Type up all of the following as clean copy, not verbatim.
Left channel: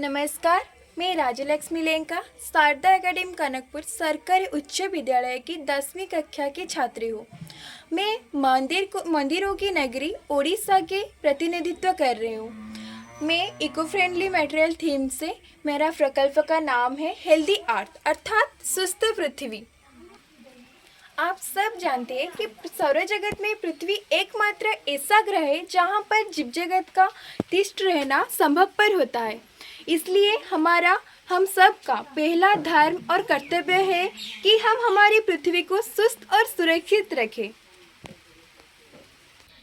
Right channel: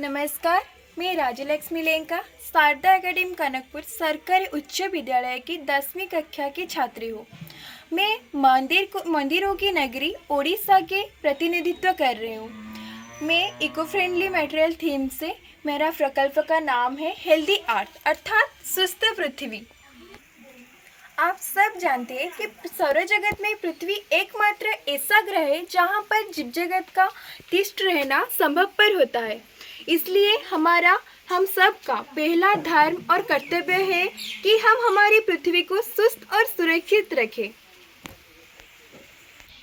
नमस्कार, मैं राजलक्ष्मी लेंका शारदा एकेडमी कनकपुर सरकारी उच्च विद्यालय की 10वीं कक्षा की छात्री हूँ। मैं मंदिरों की नगरी ओडिशा के प्रतिनिधित्व कर रही हूँ। मैं इको फ्रेंडली मटेरियल थीम से मेरा प्रकल्प का नाम है हेल्दी अर्थ अर्थात स्वस्थ पृथ्वी। आप सब जानते हैं कि सौरजगत में पृथ्वी एकमात्र ऐसा ग्रह है जहाँ पर जीव जगत का तिष्ठ रहना संभवपर होता है। इसलिए हम सब का पहला धर्म और कर्तव्य है कि हम हमारी पृथ्वी को स्वस्थ और सुरक्षित रखें।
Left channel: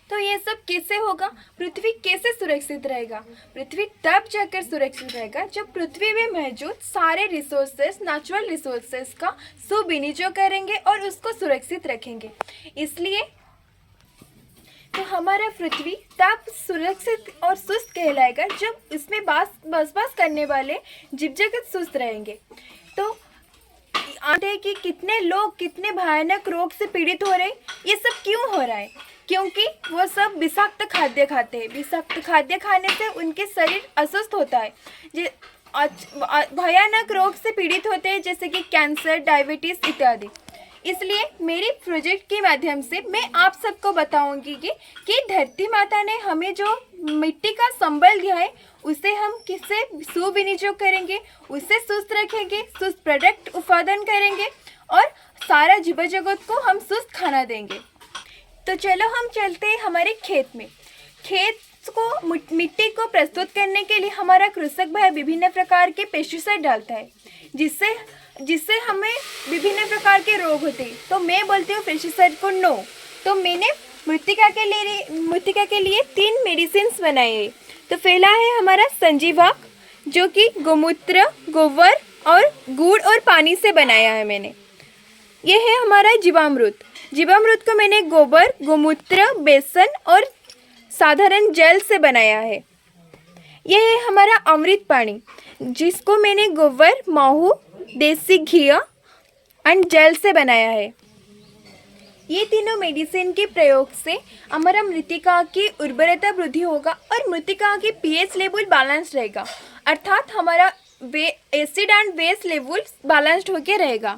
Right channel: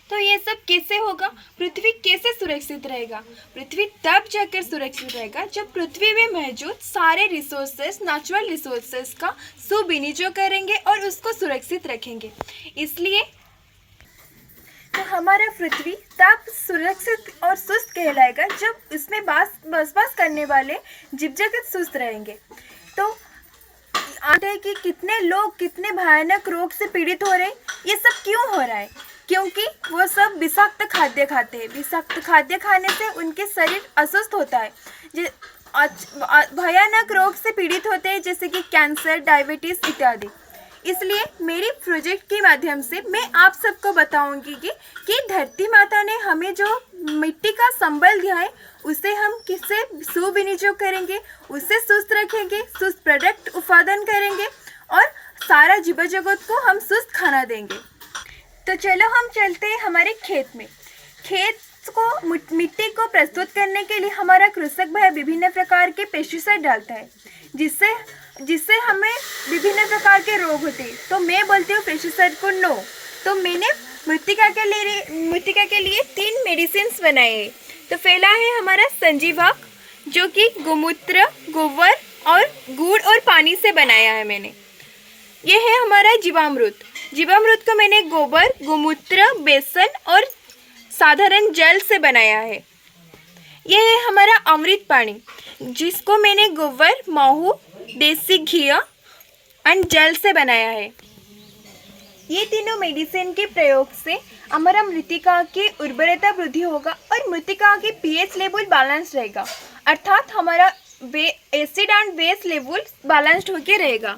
तो ये सब कैसे होगा? पृथ्वी कैसे सुरक्षित रहेगा? पृथ्वी तब जाकर सुरक्षित रहेगा जब पृथ्वी में मौजूद सारे रिसोर्सेस, नेचुरल रिसोर्सेस का सुविनियोग करेंगे और उसको सुरक्षित रखेंगे। इसलिए तो हमारा पृथ्वी तब सुरक्षित और स्वस्थ कहलाएगा जब इसमें बसवास करने वाले जीव जगत स्वस्थ रहेंगे। तो आते हैं कि कितने लोग कितने भयानक रोग से पीड़ित हो रहे हैं। ये सब क्यों हो रहा है? क्योंकि वो सब विषाक्त खाद्य खाते हैं। विषाक्त खाद्य खाने से उनके शरीर अस्वस्थ होता है, भयानक रोग से पीड़ित होते हैं, जैसे कि कैंसर, डायबिटीज इत्यादि। इसलिए मेरी प्रोजेक्ट के माध्यम से मैं आप सबको बताऊंगी कि धरती माता ने हमें जो मिट्टी का संबल दिया है उसे हम किससे सुविनियोग करेंगे, उससे स्वस्थ रखेंगे, स्वस्थ प्रोडक्ट उत्पादन करेंगे और सारा जीव जगत को हम स्वस्थ खाना देंगे। तो चलो हम चलते हैं हमारे खेत में। खेत को मिट्टी को प्रस्तुत करने के लिए हमारा कृषक भाई विभिन्न प्रकार के पेस्टिसाइड डालता है, जिससे हमें विभिन्न प्रकार के रोग होते हैं। तो मैं बोलती हूँ पेस्टिसाइड को नो। तो मैंने मृतिका के लिए 3 मेडिसिन बनाए हैं। तो पहला है हमारा संजीवक, जो कि गोमूत्र, गोबर और गुड़ और पानी से बनाया है मैंने। ये है हमारा जीवामृत। जीवामृत को मैंने गोबर, गोमूत्र, बेसन और साधारण जल से बनाया है। यह है हमारा अमृत पानी, जिसको मैंने गोबर, महू, देसी घी और जल से बनाया है। ये तीनों मेडिसिन के प्रयोग से हमारा मृतिका की उर्वरता वृद्धि होगा और मृतिका की पीएच लेवल बैलेंस रहेगा, अर्थात हमारा acid and base level balanced होकर रहेगा।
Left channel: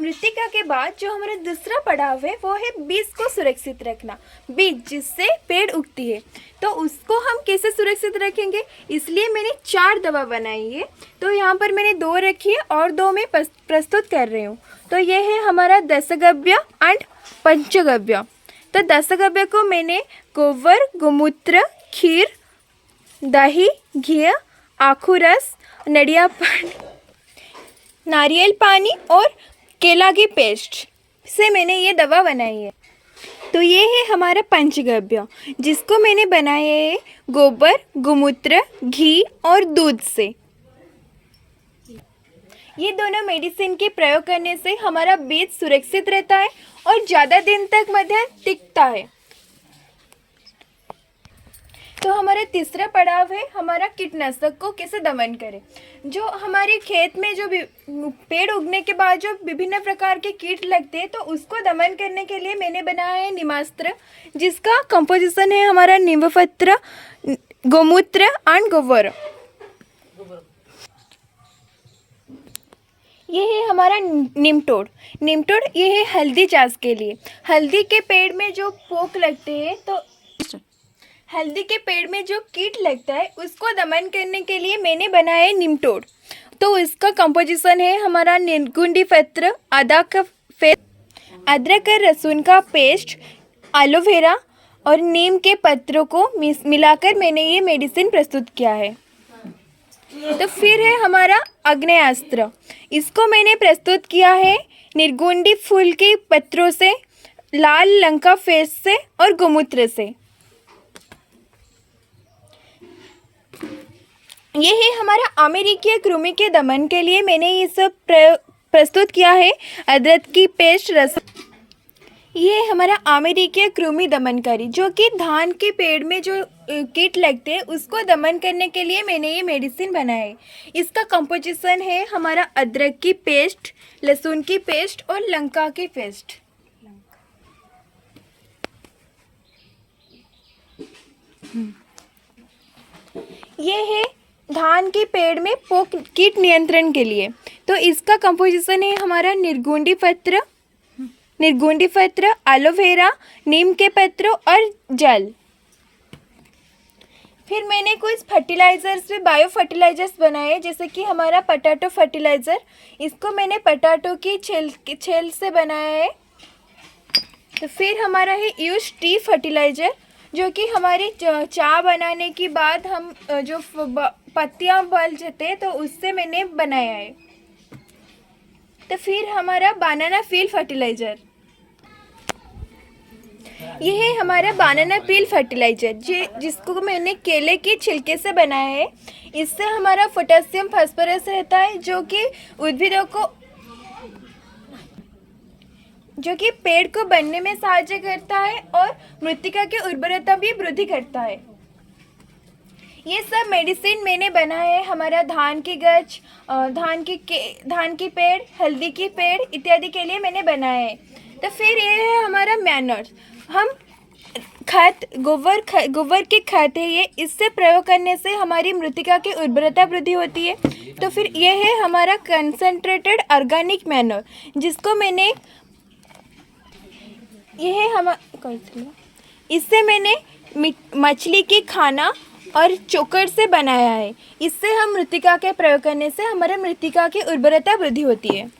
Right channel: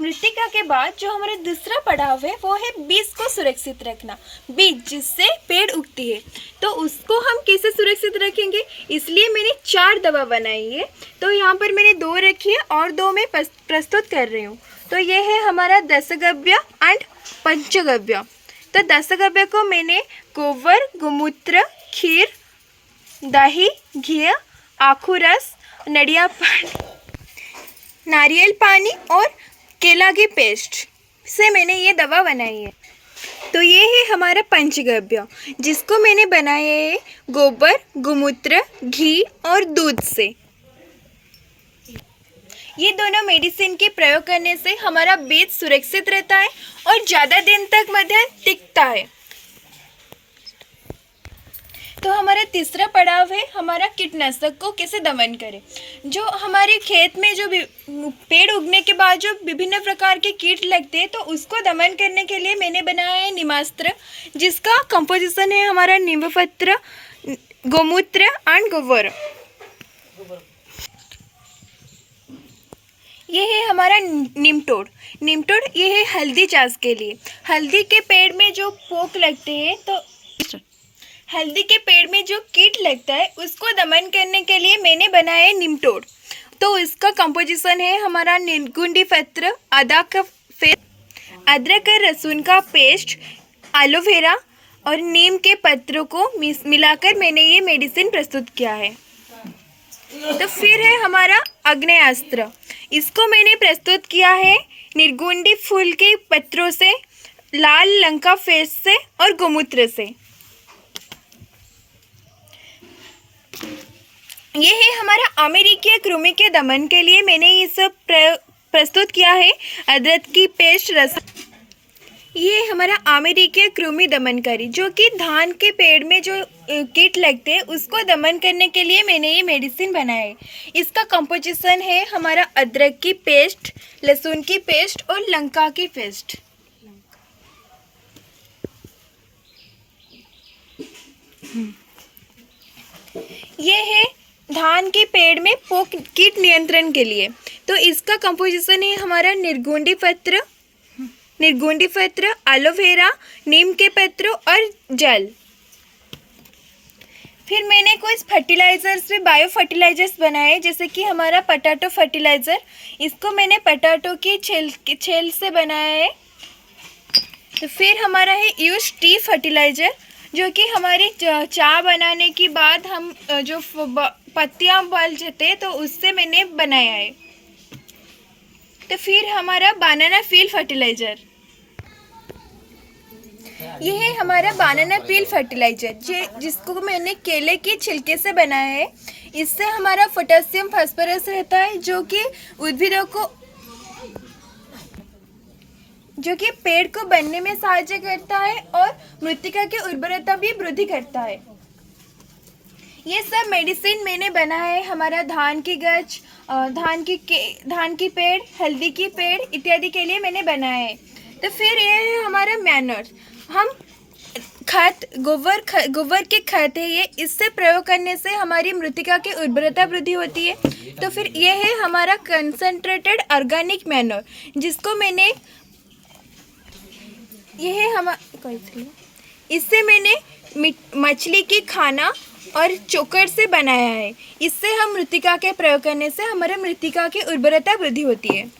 मृतिका के बाद जो हमारा दूसरा पड़ाव है वो है बीज को सुरक्षित रखना। बीज जिससे पेड़ उगती है, तो उसको हम कैसे सुरक्षित रखेंगे? इसलिए मैंने 4 दवा बनाई है। तो यहाँ पर मैंने 2 रखी है और 2 मैं प्रस्तुत कर रही हूँ। तो ये है हमारा दशगव्य एंड पंचगव्य। तो दशगव्य को मैंने गोबर, गोमूत्र, खीर, दही, घी, आखू रस, नारियल पानी और केला की पेस्ट से मैंने ये दवा बनाई है। तो ये है हमारा पंचगव्य, जिसको मैंने बनाया है गोबर, गोमूत्र, घी और दूध से। ये दोनों मेडिसिन के प्रयोग करने से हमारा बीज सुरक्षित रहता है और ज़्यादा दिन तक मध्य टिकता है। तो हमारा तीसरा पड़ाव है हमारा कीटनाशक को कैसे दमन करें। जो हमारे खेत में जो पेड़ उगने के बाद जो विभिन्न प्रकार के कीट लगते हैं, तो उसको दमन करने के लिए मैंने बनाया है नीमास्त्र, जिसका कंपोजिशन है हमारा नींबपत्र, गोमूत्र एंड गोबर। ये है हमारा निमटोड़। ये है हल्दी चाष के लिए। हल्दी के पेड़ में जो पोक लगते हैं, तो हल्दी के पेड़ में जो कीट लगता है उसको दमन करने के लिए मैंने बनाया है निमटोड़। तो इसका कंपोजिशन है हमारा निर्गुंडी पत्र, अदरक और लहसुन का पेस्ट, एलोवेरा और नीम के पत्रों को मिलाकर मैंने ये मेडिसिन प्रस्तुत किया है। तो फिर है हमारा आग्नेयास्त्र। इसको मैंने प्रस्तुत किया है निर्गुंडी फूल के पत्रों से, लाल लंका फेस से और गोमूत्र से। ये है हमारा अमेरिकी कृमि के दमन के लिए मैंने ये सब प्रस्तुत किया है। अदरक की पेस्ट, रस। ये हमारा अमेरिकी कृमि दमनकारी, जो कि धान के पेड़ में जो कीट लगते हैं उसको दमन करने के लिए मैंने ये मेडिसिन बनाया है। इसका कंपोजिशन है हमारा अदरक की पेस्ट, लहसुन की पेस्ट और लंका की पेस्ट। ये है धान के पेड़ में पोक कीट नियंत्रण के लिए। तो इसका कंपोजिशन है हमारा निर्गुंडी पत्र, एलोवेरा, नीम के पत्र और जल। फिर मैंने कुछ फर्टिलाइजर्स में बायो फर्टिलाइजर्स बनाए, जैसे कि हमारा पटाटो फर्टिलाइज़र। इसको मैंने पटाटो की छेल से बनाया है। तो फिर हमारा है यूज टी फर्टिलाइज़र, जो कि हमारी चाय बनाने के बाद हम जो पत्तियाँ उबाल जाते हैं तो उससे मैंने बनाया है। तो फिर हमारा बनाना पील फर्टिलाइज़र, ये है हमारा बनाना पील फर्टिलाइज़र जिसको मैंने केले के छिलके से बनाया है। इससे हमारा पोटेशियम फास्फोरस रहता है, जो कि उद्भिदों को जो कि पेड़ को बनने में सहायता करता है और मृत्तिका की उर्वरता भी वृद्धि करता है। ये सब मेडिसिन मैंने बनाया है हमारा धान की गच, धान की पेड़, हल्दी की पेड़ इत्यादि के लिए मैंने बनाया है। तो फिर ये है हमारा मैनर्स। हम गोबर के खाद है ये, इससे प्रयोग करने से हमारी मृत्तिका की उर्वरता वृद्धि होती है। तो फिर ये है हमारा कंसंट्रेटेड ऑर्गेनिक मैनर, जिसको मैंने इससे मैंने मछली की खाना और चोकर से बनाया है। इससे हम मृत्तिका के प्रयोग करने से हमारे मृत्तिका की उर्वरता वृद्धि होती है।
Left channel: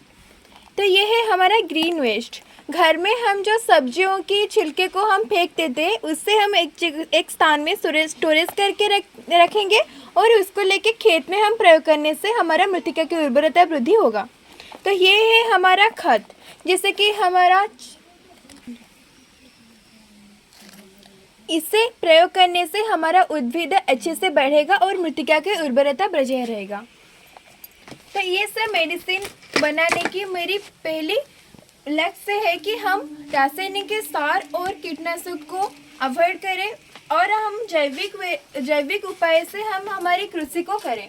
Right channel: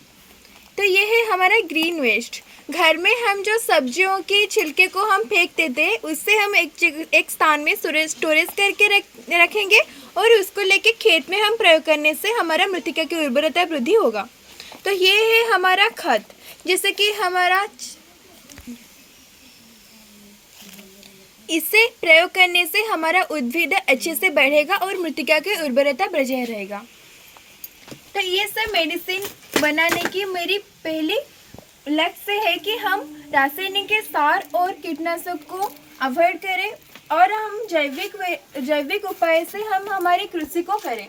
तो ये है हमारा ग्रीन वेस्ट। घर में हम जो सब्जियों की छिलके को हम फेंक देते हैं, उससे हम एक स्थान में स्टोरेज करके रखेंगे और उसको लेके खेत में हम प्रयोग करने से हमारा मृत्तिका की उर्वरता वृद्धि होगा। तो ये है हमारा खाद, जैसे कि हमारा इसे प्रयोग करने से हमारा उद्भिद अच्छे से बढ़ेगा और मृत्तिका की उर्वरता बजाय रहेगा। तो ये सब मेडिसिन बनाने की मेरी पहली लक्ष्य है कि हम रासायनिक सार और कीटनाशक को अवॉइड करें और हम जैविक उपाय से हम हमारी कृषि को करें।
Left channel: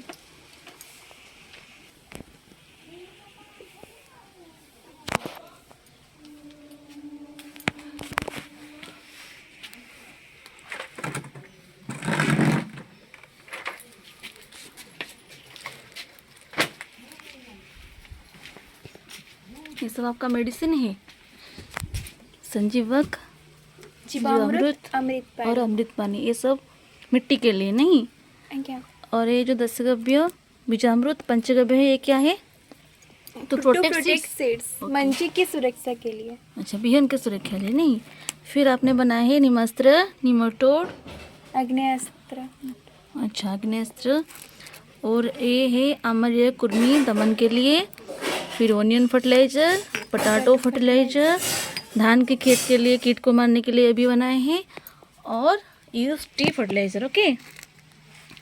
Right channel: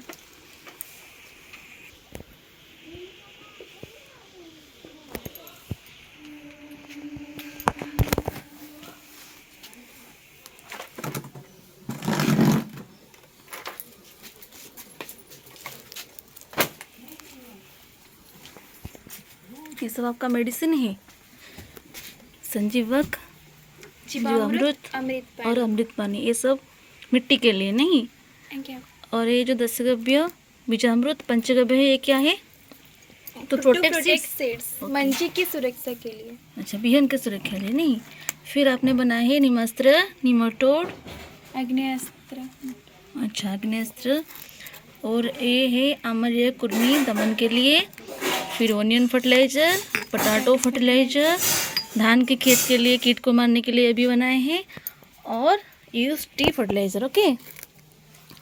ये सब आपका मेडिसिन है, संजीवक, जीवामृत और अमृत पानी, ये सब मिट्टी के लिए नहीं। और ये जो दशगव्य, बीजामृत, पंचगव्य है, ये क्या है? तो प्रोटेक्ट सीड्स, मंजी की सुरक्षा के लिए। अच्छा, बिहन की सुरक्षा के लिए नहीं। फिर आपने बनाया है निमास्त्र, निमाटोड, आग्नेयास्त्र। अच्छा, आग्नेयास्त्र। और ये है अम्लीय कृमि दमन के लिए। फिर ओनियन फर्टिलाइज़र, पटाटो फर्टिलाइज़र, धान के खेत के लिए कीट को मारने के लिए भी बनाए हैं। और यूज टी फर्टिलाइज़र। ओके,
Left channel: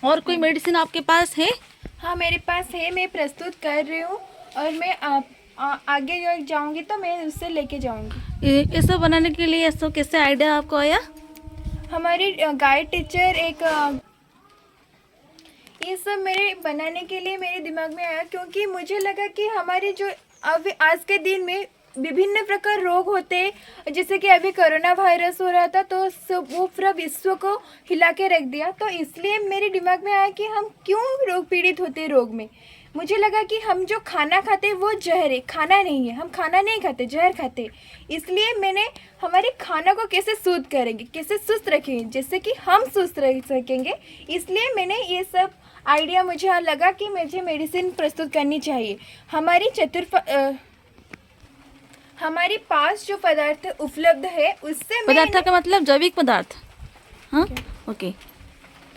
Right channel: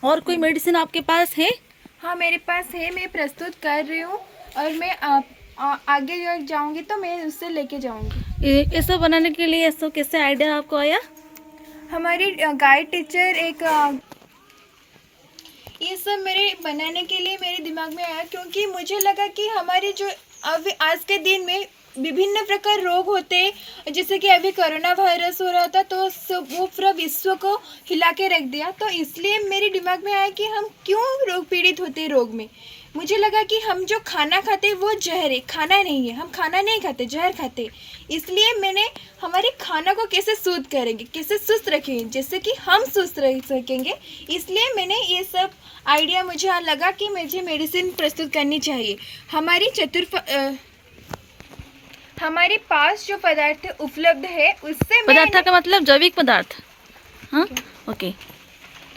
और कोई मेडिसिन आपके पास है? हाँ, मेरे पास है, मैं प्रस्तुत कर रही हूँ और मैं आगे जो जाऊँगी तो मैं उससे लेके जाऊँगी। ये सब बनाने के लिए ऐसा कैसे आइडिया आपको आया? हमारी गाइड टीचर ये सब मेरे बनाने के लिए मेरे दिमाग में आया, क्योंकि मुझे लगा कि हमारे जो अब आज के दिन में विभिन्न प्रकार रोग होते हैं, जैसे कि अभी कोरोना वायरस हो रहा था तो वो पूरा विश्व को हिला के रख दिया। तो इसलिए मेरे दिमाग में आया कि हम क्यों रोग पीड़ित होते हैं रोग में। मुझे लगा कि हम जो खाना खाते हैं वो जहर है, खाना नहीं है, हम खाना नहीं खाते, जहर खाते। इसलिए मैंने हमारे खाना को कैसे शुद्ध करेंगे, कैसे सुस्त रखेंगे, जैसे कि हम सुस्त रह सकेंगे, इसलिए मैंने ये सब आइडिया मुझे लगा कि मुझे मेडिसिन प्रस्तुत करनी चाहिए। हमारे पास जो पदार्थ उपलब्ध है उससे पदार्थ का मतलब जैविक पदार्थ। हाँ, ओके,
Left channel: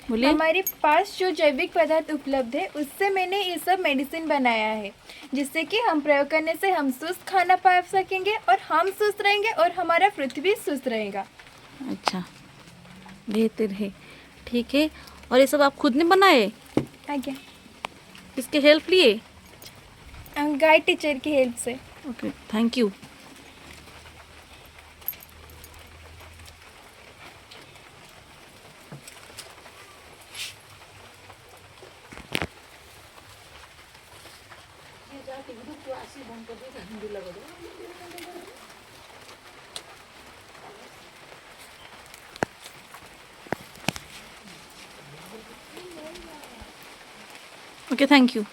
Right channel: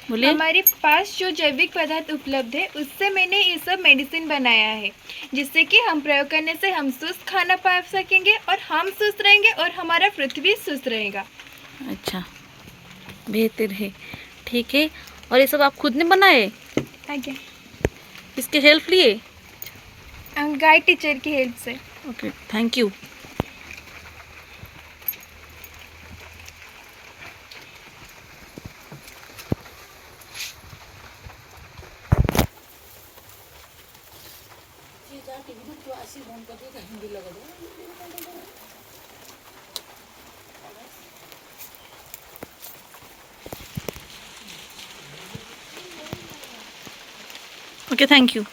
बोलिए। हमारे पास जो जैविक पदार्थ उपलब्ध है उससे मैंने ये सब मेडिसिन बनाया है, जिससे कि हम प्रयोग करने से हम स्वस्थ खाना पा सकेंगे और हम स्वस्थ रहेंगे और हमारा पृथ्वी स्वस्थ रहेगा। अच्छा, बेहतर है, ठीक है। और ये सब आप खुद ने बनाए? आगे इसके हेल्प लिए? गाइड टीचर की हेल्प से। Okay, thank you. Okay, thank you.